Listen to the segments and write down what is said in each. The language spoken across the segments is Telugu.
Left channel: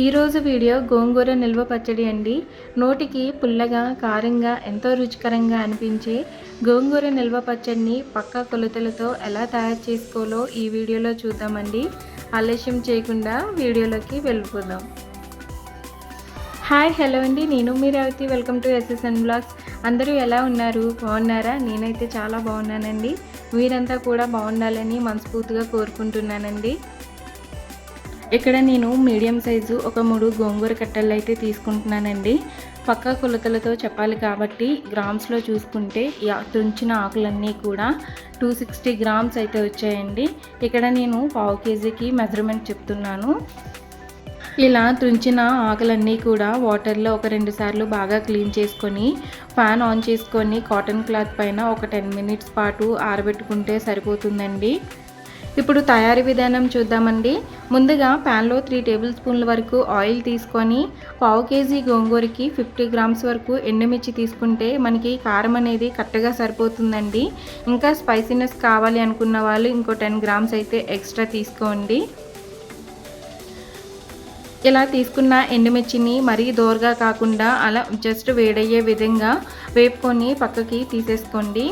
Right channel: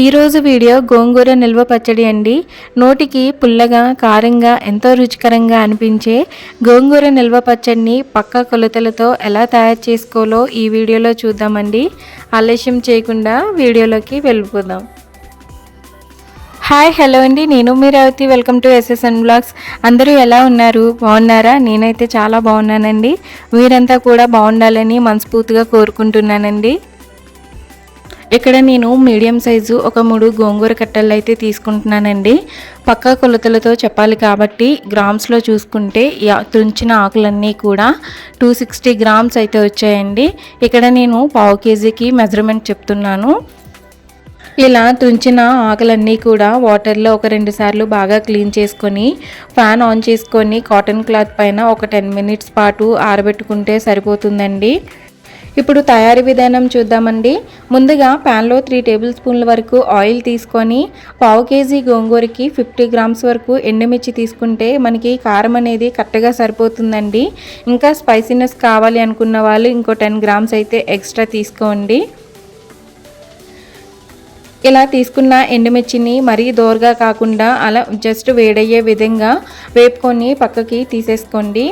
ఈరోజు వీడియో గోంగూర నిల్వ పచ్చడి అండి. నోటికి పుల్లగా కారంగా ఎంతో రుచికరంగా అనిపించే గోంగూర నిల్వ పచ్చడిని పక్క కొలతలతో ఎలా తయారు చేసుకోవాలో ఈ వీడియోలో చూద్దామండి. ఆలస్యం చేయకుండా వీడియోలోకి వెళ్ళిపోదాం. హాయ్ హలో అండి. నేను Meeravathi welcome to SSN blogs అందరూ ఎలా ఉన్నారు? బాగున్నారా? నేనైతే చాలా బాగున్నానండి. మీరంతా కూడా బాగుండాలని మనస్ఫూర్తిగా కోరుకుంటున్నానండి. ఇక్కడ నేను మీడియం సైజు ఒక మూడు గోంగూర కట్టలు అయితే తీసుకుంటున్నానండి. పక్క కొలతలతో చెప్పాలి కాబట్టి గ్రామ్స్లో చూసుకుంటే తుంచిన ఆకులన్నీ కూడా టూ సిక్స్టీ గ్రామ్స్ అయితే వచ్చాయండి. ఇక్కడ నేను పావు కేజీకి మెజర్మెంట్ చెప్తున్నాను. ఇలా తుంచిన ఆకులన్నీ కూడా వాటర్లో ఒక రెండు సార్లు బాగా క్లీన్ చేసుకొని ఫ్యాన్ ఆన్ చేసుకొని కాటన్ క్లాత్ పైన ఒక టెన్ మినిట్స్ పాటు ఆరబెట్టుకుంటే సరిపోతుందండి. ఇప్పుడు తయారీ విధానం చూద్దామండి. ముందుగా ప్యాన్లో త్రీ టేబుల్ స్పూన్ల వరకు ఆయిల్ తీసుకొని పావు కేజీ గోంగూరకి ఫిఫ్టీ గ్రామ్స్ వరకు ఎండుమిర్చి తీసుకుంటే మనకి కారం అనేది కరెక్ట్గా సరిపోతుందండి. ఇంకా స్పైసీనెస్ కావాలి అనుకున్న వాళ్ళు ఇంకో టెన్ గ్రామ్స్ అయితే ఎక్స్ట్రా తీసుకోండి. ఇలా తీసుకున్న ఎండుమిర్చిని మరీ దోరగా కాకుండా అలా జస్ట్ వేడయ్యే విధంగా వేపుకొని పక్కకి తీసేసుకోండి.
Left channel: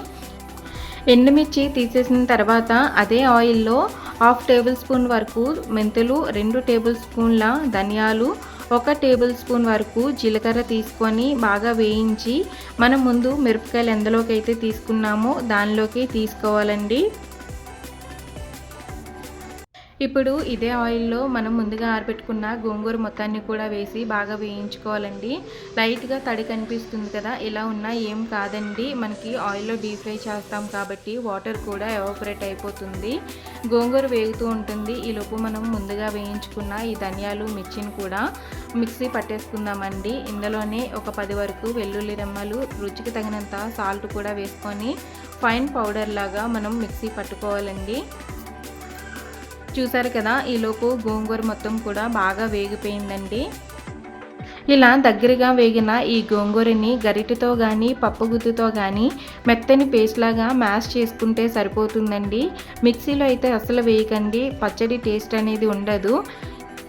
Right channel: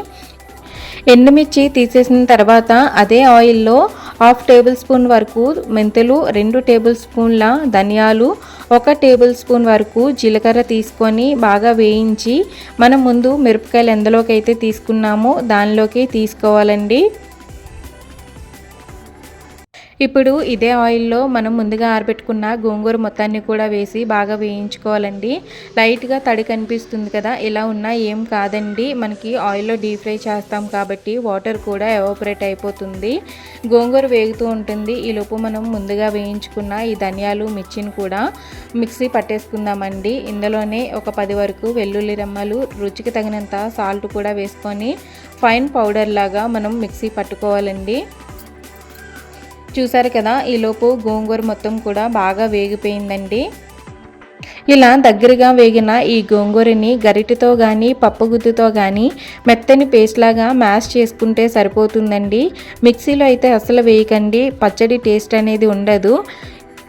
ఎండుమిర్చి తీసేసిన తర్వాత అదే ఆయిల్లో హాఫ్ టేబుల్ స్పూన్ వరకు మెంతులు రెండు టేబుల్ స్పూన్ల ధనియాలు ఒక టేబుల్ స్పూన్ వరకు జీలకర్ర తీసుకొని బాగా వేయించి మనం ముందు మిరపకాయలు ఎందులోకి అయితే తీసుకున్నామో దానిలోకి తీసుకోవాలండి. ఇప్పుడు ఇదే ఆయిల్లో మనం ముందుగా ఆరబెట్టుకున్న గోంగూర మొత్తాన్ని కూడా వేసి బాగా వేయించుకోవాలండి. లైట్గా తడి కనిపిస్తుంది కదా ఇలా ఉన్నా ఏం కాదండి. మనకి ఆయిల్లో డీప్ ఫ్రై చేస్తాం కాబట్టి వాటర్ కూడా ఎవాపరేట్ అయిపోతుంది. గోంగూర వేగుతూ ఉంటుంది. ఈలోపు మనం ముందుగా వేయించుకున్న ఈ ధనియాలు మిర్చిని కూడా మిక్సీ పట్టేసుకుందామండి. ఇందులోనే ఒక పది వరకు వెల్లుల్లి రెమ్మలు రుచికి తగినంత సాల్ట్ కూడా వేసుకొని ఫైన్ పౌడర్ లాగా మనం మిక్సీ పట్టుకోవాలండి. చూసారు కదా ఈలోపు గోంగూర మొత్తం కూడా బాగా వేగిపోయిందండి. ఇలా దగ్గరగా వేగిన ఈ గోంగూరని గరిటెతో కానీ పప్పుగుత్తుతో కానీ మెత్తని పేస్ట్ లాగా మ్యాష్ చేసుకుంటే సరిపోతుందండి. మిక్సీలో అయితే అసలు వేయకండి. పచ్చడి టేస్ట్ అనేది ఉండదు.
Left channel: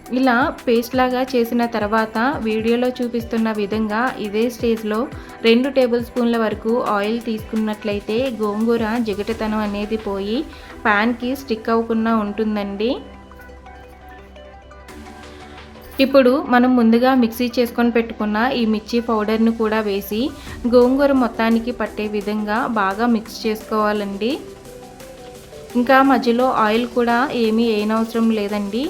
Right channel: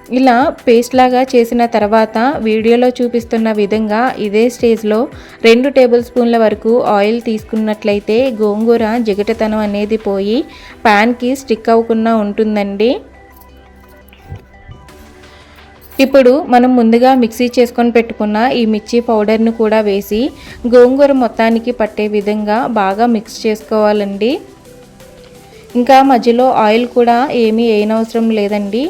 ఇలా పేస్ట్ లాగా చేసిన తర్వాత వీడియోలో చూపిస్తున్న విధంగా ఇదే స్టేజ్లో రెండు టేబుల్ స్పూన్ల వరకు ఆయిల్ తీసుకున్నట్లయితే గోంగూర జిగటతనం అనేది పోయి ప్యాన్కి స్టిక్ అవ్వకుండా ఉంటుందండి. ఇప్పుడు మనం ముందుగా మిక్సీ చేసుకొని పెట్టుకున్న ఈ మిర్చి పౌడర్ను కూడా వేసి గోంగూర మొత్తానికి పట్టే విధంగా బాగా మిక్స్ చేసుకోవాలండి. ఇంకా మధ్యలో ఆయిల్ కూడా ఏమీ వేయనవసరం లేదండి.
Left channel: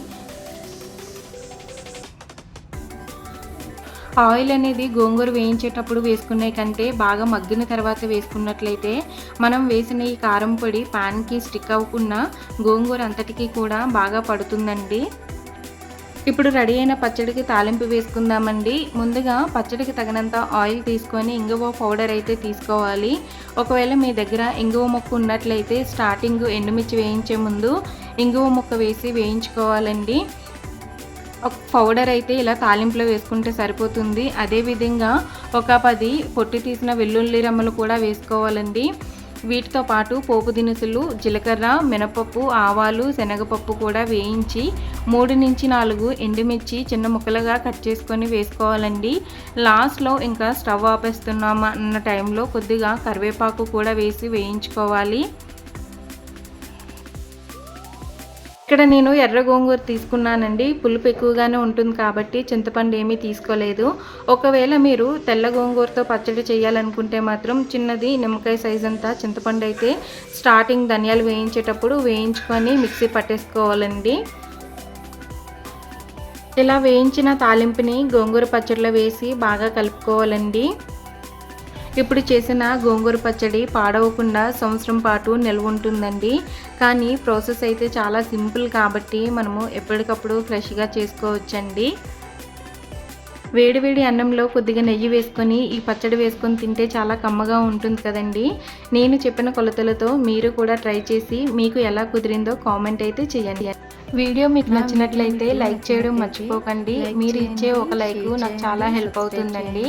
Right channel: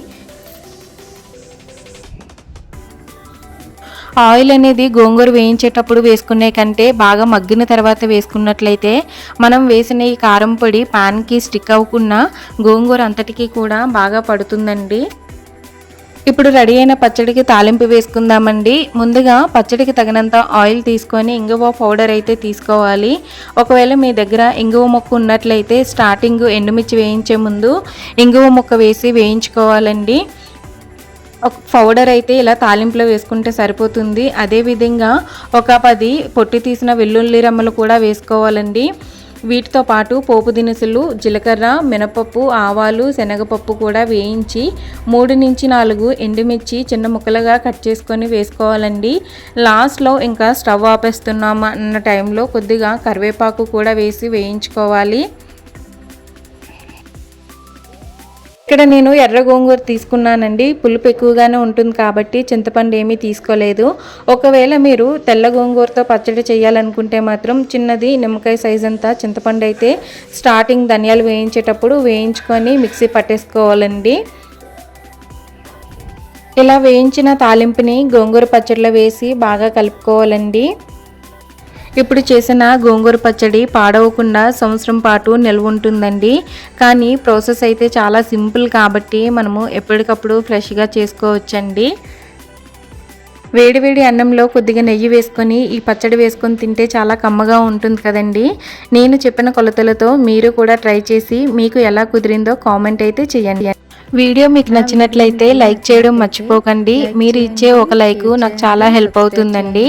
ఆయిల్ అనేది గోంగూర వేయించేటప్పుడు వేసుకునే కంటే బాగా మగ్గిన తర్వాత వేసుకున్నట్లయితే మనం వేసిన ఈ కారం పొడి ప్యాన్కి స్టిక్ అవ్వకుండా గోంగూర అంతటికీ కూడా బాగా పడుతుందండి. ఇప్పుడు రెడీ అయిన పచ్చడికి తాలింపు వేసుకుందామండి. ముందుగా పచ్చడికి తగినంత ఆయిల్ తీసుకొని ఇంగువ పౌడర్ అయితే తీసుకోవాలి. ఒకవేళ మీ దగ్గర ఇంగువ మొక్క ఉన్నట్లయితే స్టార్టింగ్ ఎండుమిర్చి వేయించే ముందు ఇంగువ మొక్క వేసి వేయించుకోవాలండి. పౌడర్ అయితే ఇలా తాలింపులో వేసుకుంటే సరిపోతుంది. అదేవిధంగా ఒక పది పొట్టి తీసిన వెల్లుల్లి రమ్మలు కూడా వేసుకోవాలండి. వీటితో పాటు పోపు దినుసులు జీలకర్ర మినపప్పు ఆవాలు శనగపప్పు కూడా వేయించి మూడు నుంచి నాలుగు ఎండుమిర్చి చిన్న ముక్కలుగా కట్ చేసుకొని వేసుకోవాలండి. లాస్ట్లో ఇంకా స్టవ్ ఆపేస్తున్నాము అన్న టైంలో కొద్దిగా కరివేపాకు కూడా వేసి వేయించుకోవాలి. ఇక్కడ నేను ఎర్ర గోంగూర తీసుకున్నానండి. పులుపు ఎక్కువగానే ఉంటుంది కాబట్టి చింతపండు ఏమీ తీసుకోలేదు. ఒకవేళ మీరు తెల్ల గోంగూరతో పచ్చడి చేయాలనుకుంటే మాత్రం చిన్నది నిమ్మకాయ సైజ్ అంతా చింతపండు అయితే స్టార్టింగ్ ధనియాలు వేయించేటప్పుడు వేయించుకొని మిక్సీ పట్టేసుకోవాలండి. ఇలా వేయించిన తాలింపుని గోంగూర పచ్చడిలో వేసి బాగా కలుపుకోవాలండి. ఇప్పుడు చేసిన గోంగూర పచ్చడి పాడవకుండా సంవత్సరం పాటు నిల్వ ఉంటుందండి. కానీ ప్రాసెస్ అయితే చాలా సింపుల్ కాబట్టి మనము ఎప్పటికప్పుడు ఫ్రెష్గా చేసుకోవచ్చండి. వేడివేడి అన్నంలో కొద్దిగా నెయ్యి వేసుకొని ఈ పచ్చడి వేసుకొని తింటే చాలా కమ్మగా ఉంటుంది కదండి. నేను చెప్పిన కొలతలతో మీరు కూడా ట్రై చేసి మీకు ఎలా కుదిరిందో కామెంట్ అయితే చేయండి. వీడియో మీకు నచ్చినట్లయితే లైక్ చేయడం మర్చిపోకండి. మీరు ఇచ్చే ఒక లైక్ నాకు చాలా హెల్ప్ అవుతుందండి.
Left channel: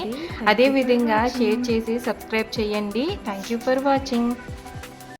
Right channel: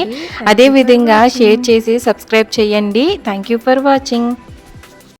అదేవిధంగా షేర్ చేసి సబ్స్క్రైబ్ చేయండి. Thank you for watching.